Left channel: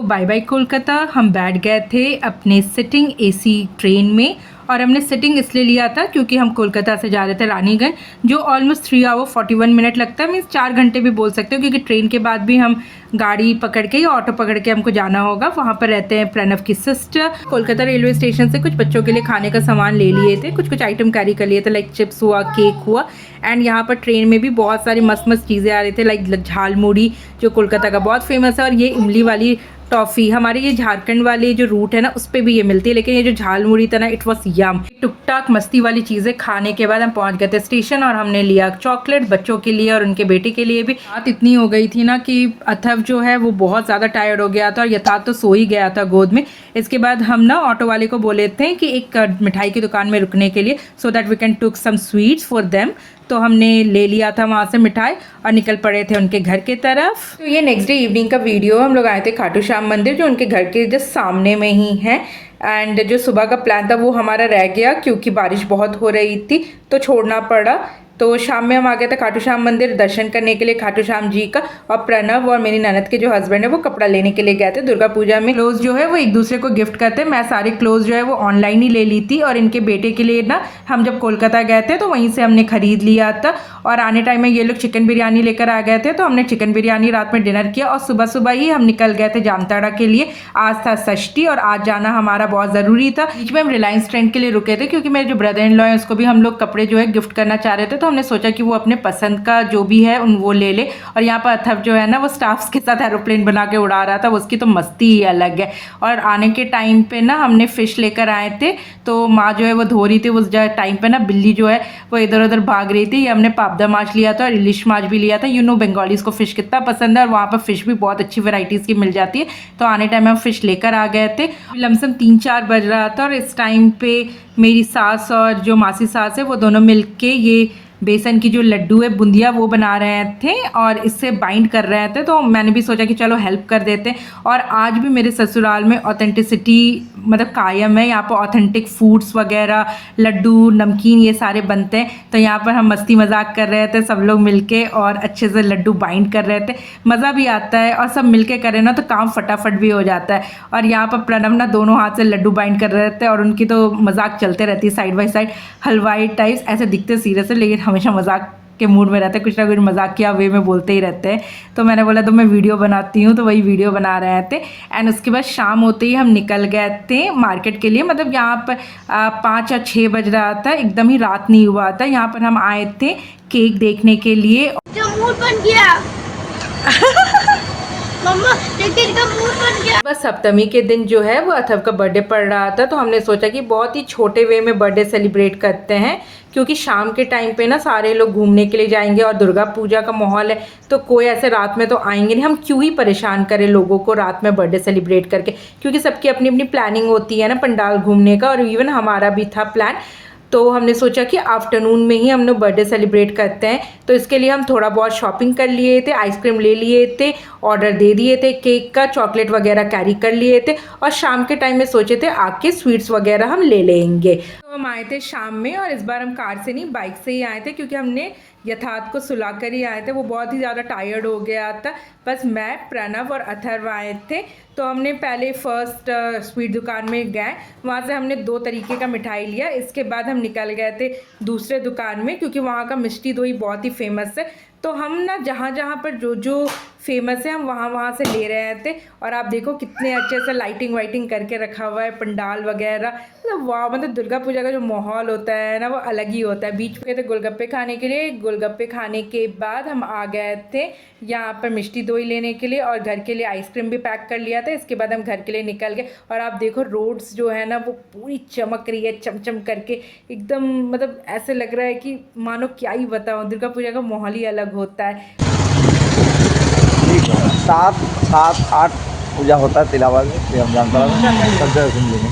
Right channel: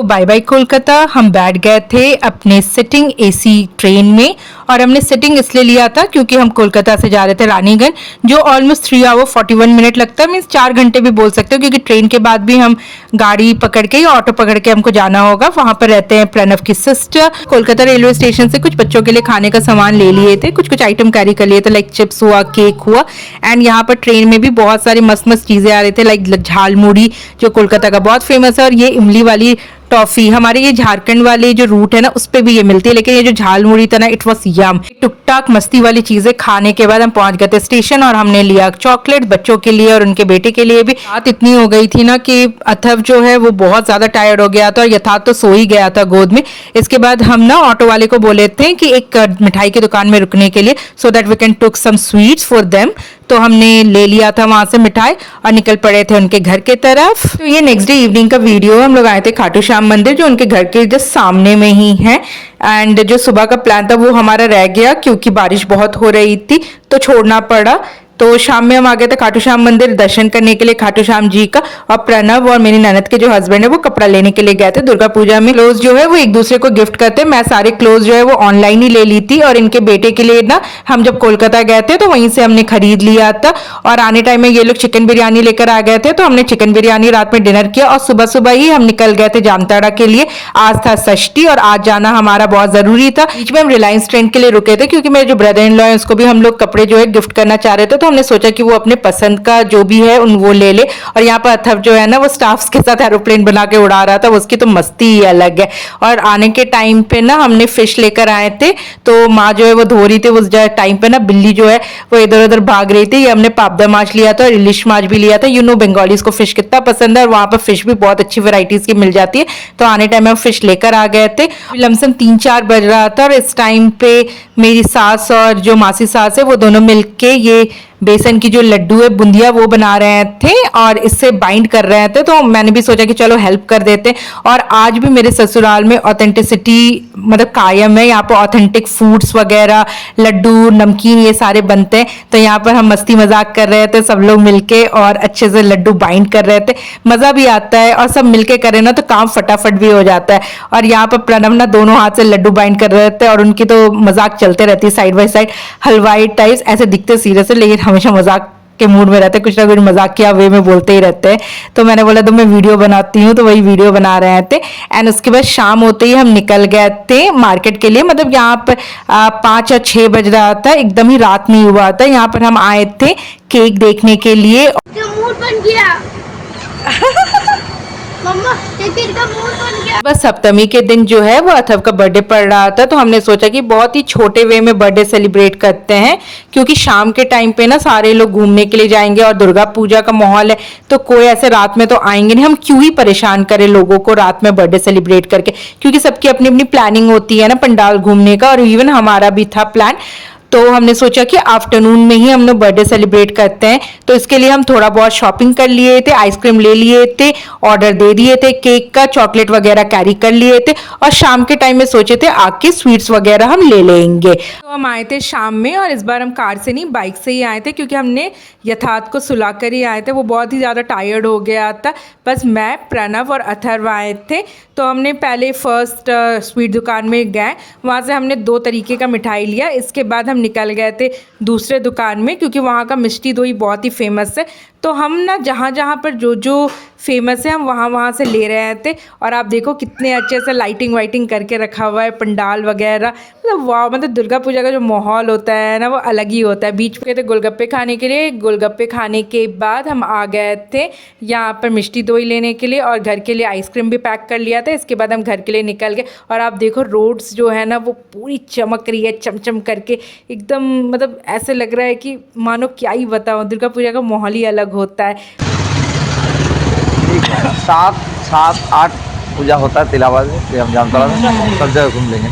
तो bye bye Kolkata. हम बैठ गए थे अपने सिटिंग एसी ट्रेन में और हमने सिटिंग इसलिए लिया था क्योंकि हम कोलकाता से जा रहे थे रानीगंज, जो ऑलमोस्ट 3 आवर 41 मिनट लगता है, मीन्स 4 घंटे भी बोल सकते हो, क्योंकि ट्रेन के बाद भी हम गाड़ी पकड़ के या ऑटो पकड़ के हमको जाना होगा। वहां पर रहते हैं प्रणव की सिस्टर। कोलकाता रेलवे स्टेशन से कुछ बच्चों के लिए खाने का सामान ले लिए थे, कुछ कुछ आइटम कैरी कर लिए थे, लाइक चिप्स हुआ, केक हुआ। एंड यहाँ पर ट्रेन में भी बहुत सारी मस्त मस्त चीजें आ रही थी, लाइक झालमुड़ी जो कोलकाता का बहुत फेमस है, और ये इमली वाली टॉफी। हमारे ये झारखंड वाले जो रूट है ना, उस पे भी ये मिलती है, लेकिन ये जो झालमुड़ी था ना, इट वॉज यम। टुकटाक मस्ती वाली चीजें खाने के बाद हम पहुंच गए थे स्टेशन, और हमने लिया चॉकलेट बच्चों के लिए और उनके बेटे के लिए भी। बात इतनी हो गई थी ना कि अथर्व जो है वो बहुत ज्यादा टायर्ड हो गया था और यथार्थ तो सो ही गया था गोद में। इसके बाद हम ना ऑटो वाले को बोले थे कि एक मिठाई की दुकान में रुकने के लिए, so that we can took some sweets for them. तो हमने ले लिया था वहां से मिठाई और निकल पड़े थे उनके घर के तरफ। तो ये नेक्स्ट डे इवनिंग का वीडियो। हम लोग आए थे खाटू श्याम मंदिर, जो उनके घर के जस्ट सामने में ही है। एंड जो सुबह का प्लान था वो हमारा रह गया क्योंकि बारिश बहुत हो रही थी, तो छोड़ना पड़ा। तो शाम में हम आ गए थे खाटू श्याम मंदिर दर्शन करने के लिए खाटू श्याम जी का। और प्रणव और मेरी ननद के जो हस्बैंड है वो कपड़ा लेने के लिए गए थे। दुर्गा पूजा में क्लोज जो है वो एक दूसरे को गिफ्ट करते हैं। मैं सारे क्लोज जो है वो ऑनलाइन ही ले ली थी, और इनके बेटे के लिए ना हम जब कोलकाता गए थे तो वहीं से हमने खरीद लिया था। और आने टाइम में ये लोग चिकन बिरयानी लेकर आ गए थे, तो हमने चिकन बिरयानी रात में डिनर किया और सुबह सुबह ही हम निकल गए थे जामताड़ा के लिए। आज था षष्ठी और आज जाना हमारा बहुत जरूरी था। बीच में हम रिलायंस ट्रेन के लिए रुके थे क्योंकि मेरे जो ब्रदर इन लॉ है उसको भी हम लोग कपड़े जो है गिफ्ट करना चाह रहे थे, तो हमने सोचा कि वो अपने पसंद का जो भी है वो ले ले। और यहाँ पर अथर्व जो है ना वो स्टाफ्स के साथ एरोप्लेन बना के उड़ा रहा था, उसकी तो मस्ती ही अलग है। और आने के टाइम पे ना हमने फिश लेकर आए थे, तो माँ जो है वो धो रही थी उस टाइम पे ना, बिल्ली जो है वो इधर उधर भाग रही थी। ये हमने पापदा माछ लिया था और इलिश माछ भी लिया था। यू नो बंगालीज को फिश कितना पसंद है, और वहां पर फिश भी बहुत अच्छी वेराइटीज की मिल जाती है। तो आने टाइम में हम फिश लेकर आ गए थे। लमसम 3-4 बज रहा था, और इस टाइम पे मेरी सास और जो मासी सास है वो दोनों मिलके ये बेसन की जो लड्डू है बुंदिया वो बना रहे थे और इससे बाइंड कर रहे थे। तो मैंने भी सोचा कि चलो हेल्प कर देते। और आज भी मेरे ससुराल में ऑथेंटिसिटी मतलब कायम है। यहाँ पर ऑथेंटिक फूड्स वगैरह, लड्डू, नमकीन, ये सारे बनते हैं। तो यहाँ पर हम मस्ती मजाक कर रहे थे सब लोग मिलके और अच्छे से लड्डू बाइंड कर रहे थे। मजा भी आता है, और सब मिलके करें ना तो काम फटाफट भी हो जाता है। और यहाँ पर प्रणव ना दोनों हाथ से लड्डू बाइंड कर रहे थे, और उनकी तो मजाक चलते रहती है साइड बाय साइड। हलवाई टाइप्स ऐसे दिखते सीरियस है, लेकिन हमेशा मजाक के मूड में रहते, कुछ ना कुछ मजाक किया वे में बोलते ही रहते हैं। तो मैंने बोला तो मैं वीडियो बनाती हूँ, तो वही वीडियो बना रहे थे। एंड उसके बाद शाम होते ही हम निकल गए थे मार्केट के लिए। मतलब यहाँ पर 5 या 6 बज रहा था, एकदम ही रात नहीं हुआ था। यहाँ पर हम आए थे केक देखने के लिए। मूड बन गया मम्मा, लेकिन का मूड बन गया। बस सप्तमी के दिन जो है वो अथर्व का बर्थडे पड़ रहा था, तो हमने सोचा कि बहुत ही छोटे वे में बर्थडे सेलिब्रेट करते हैं, क्योंकि शाम के टाइम पे ना सारे लोग घूमने के लिए जाएंगे और दुर्गा पूजा का माहौल है, तो कोई ऐसे रात में तो आएंगे नहीं। हम क्यों ही परेशान करें लोगों को रात में बर्थडे सेलिब्रेट करके, क्योंकि सबकी अपनी अपनी प्लानिंग होती है ना पंडाल घूमने का, और इवन हमारा भी था प्लान। तो हमने सोचा कि आफ्टरनून में ही हम लोग बर्थडे सेलिब्रेट करते हैं। तो इसके लिए हम थोड़ा बहुत शॉपिंग कर लिए थे, आइसक्रीम ले लिए थे, ऑर्डर दे दिए थे केक का, चॉकलेट वगैरह कैरी कर लिए थे, और शाम के टाइम में सोचे थे आके स्वीट्स वगैरह हम ले लेंगे। तो हम आए थे शाम में, और इस बार हम कार से नहीं बाइक से ही आए थे, क्योंकि हमने यथार्थ को सुला कर ही आए थे। वो बहुत ही ज़्यादा टायर्ड हो गया था। बस मैं, प्रणव और अथर्व आए थे। तो हमने पहले फर्स्ट स्वीट दुकान में गए, वहाँ से हमने 2 तरीके का मिठाई लिया। इसके बाद हम निकल गए थे दूसरे दुकान में, क्योंकि वहाँ का मिष्टी दोई बहुत ही फेमस है। तो हम ना जहाँ जहाँ पर जो जो फेमस है हम वहाँ से ले रहे थे। और आप देखो कितने अच्छे से लाइटिंग वाइटिंग करके रखा हुआ है, पंडाल वगैरह। मतलब वाह, मतलब दुर्गा पूजा का जो माहौल होता है ना वो अलग ही होता है। बीच पे थे गोलगप्पे खाने के लिए। गोलगप्पे खाने के बाद हम आ गए थे यहाँ पर मिष्टी दोई लेने के लिए, और घर के लिए आइसक्रीम भी पैक कर लिया था। इसके बाद हम घर के लिए निकल गए। और आप देखो रोड्स जो है ना वो पूरी चमक रही है, चमचम करके एकदम। मतलब ऐसे लग रहा है कि मानो क्या ही बताऊँ, दुर्गा पूजा का माहौल ही अलग होता है। ठीक है, 7-8 पूजा होता है तिलावा में, हम जानता हूँ सब जगह घूम लेंगे।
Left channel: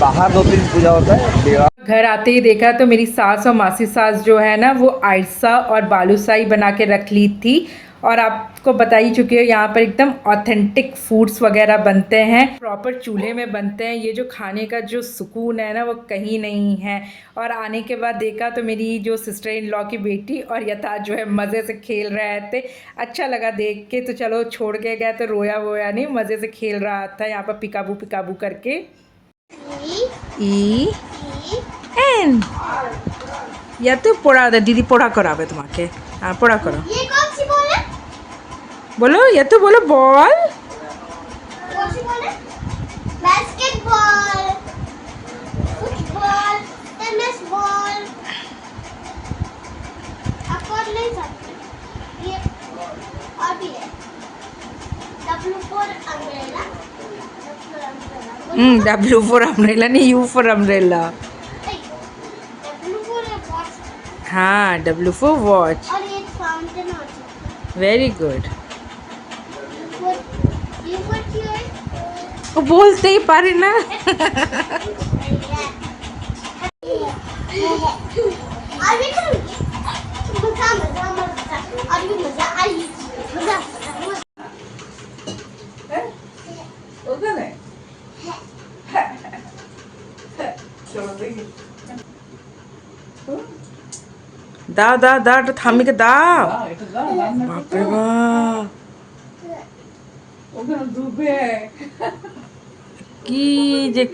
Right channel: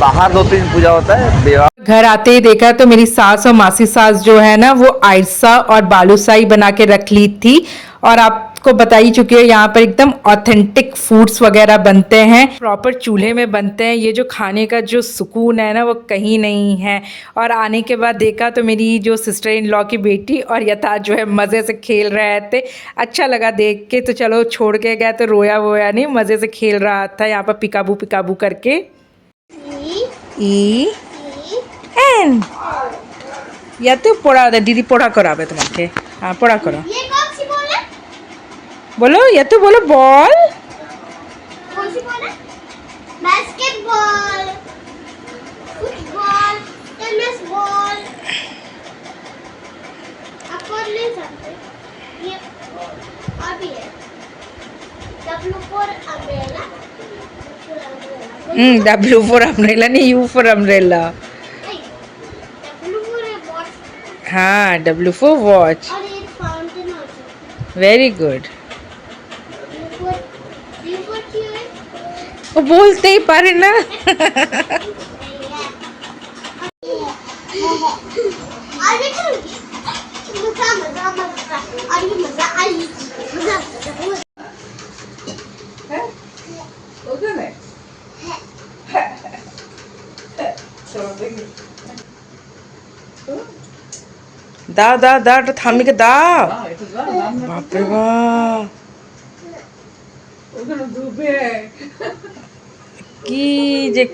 बाहर 2-3 पूजा होता है। घर आते ही देखा तो मेरी सास और मासी सास जो है ना वो आयसा और बालूशाही बना के रख ली थी। और आप आपको बता ही चुकी है, यहाँ पर एकदम ऑथेंटिक फूड्स वगैरह बनते हैं, प्रॉपर चूल्हे में बनते हैं। ये जो खाने का जो सुकून है ना वो कहीं नहीं है। और आने के बाद देखा तो मेरी जो सिस्टर इन लॉ की बेटी और यथार्थ जो है मज़े से खेल रहे थे। अच्छा लगा देख के। तो चलो छोड़ के गए तो रोया वोया नहीं, मज़े से खेल रहा था यहाँ पर पिकाबू पिकाबू करके। ई एन या तो पढ़ा दीदी पढ़ा करावे तुम्हारे। हाँ पढ़ा करो। ये कौन सी बॉल है? बोलो या तो बोलो बॉल। कौन सी बॉल है? Basketball, football, tennis ball. आप कौन नहीं सकते? ये और भी है। W for umbrella. W for umbrella नहीं, U for umbrella. W for a watch. हाँ W for वॉच। और ये फाउंटेन होती वेरी गुड। है। U for chair. वो बोलते ही पारे ना। और भी करूँगी। मजा मजा मजा और भी मजा आई मजा। दा दा दा थामी के दा। बाप रे बाप की जे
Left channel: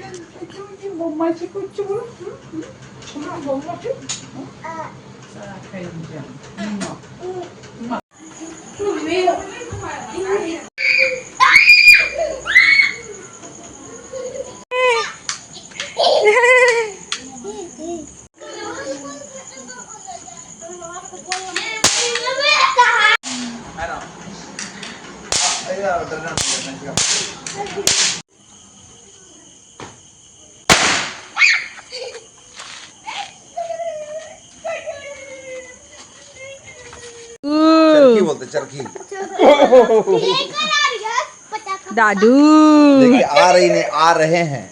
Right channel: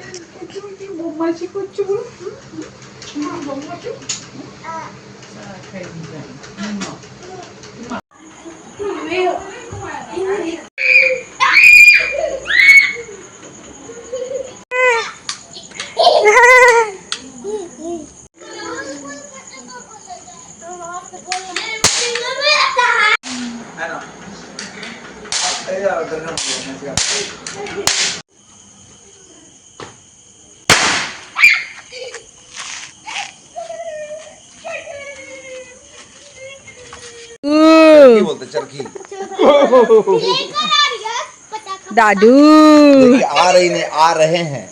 चरखी बोलते चरखी। दादू। देखिए आ रही नहीं, आ रहे हैं।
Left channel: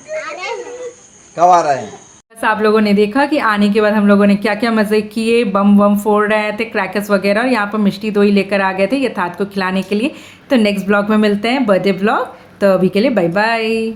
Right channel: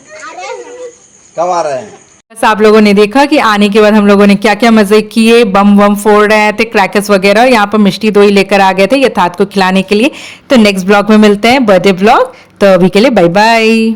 कब आ रहे हैं? बस आप लोगों ने देखा कि आने के बाद हम लोगों ने क्या क्या मजे किए। बम बम फोड़ रहे थे, क्रैकर्स वगैरह। यहाँ पर मिष्टी दो ही लेकर आ गए थे यथार्थ को खिलाने के लिए। तो नेक्स्ट ब्लॉग में मिलते हैं, बर्थडे ब्लॉग। तो अभी के लिए बाय बाय।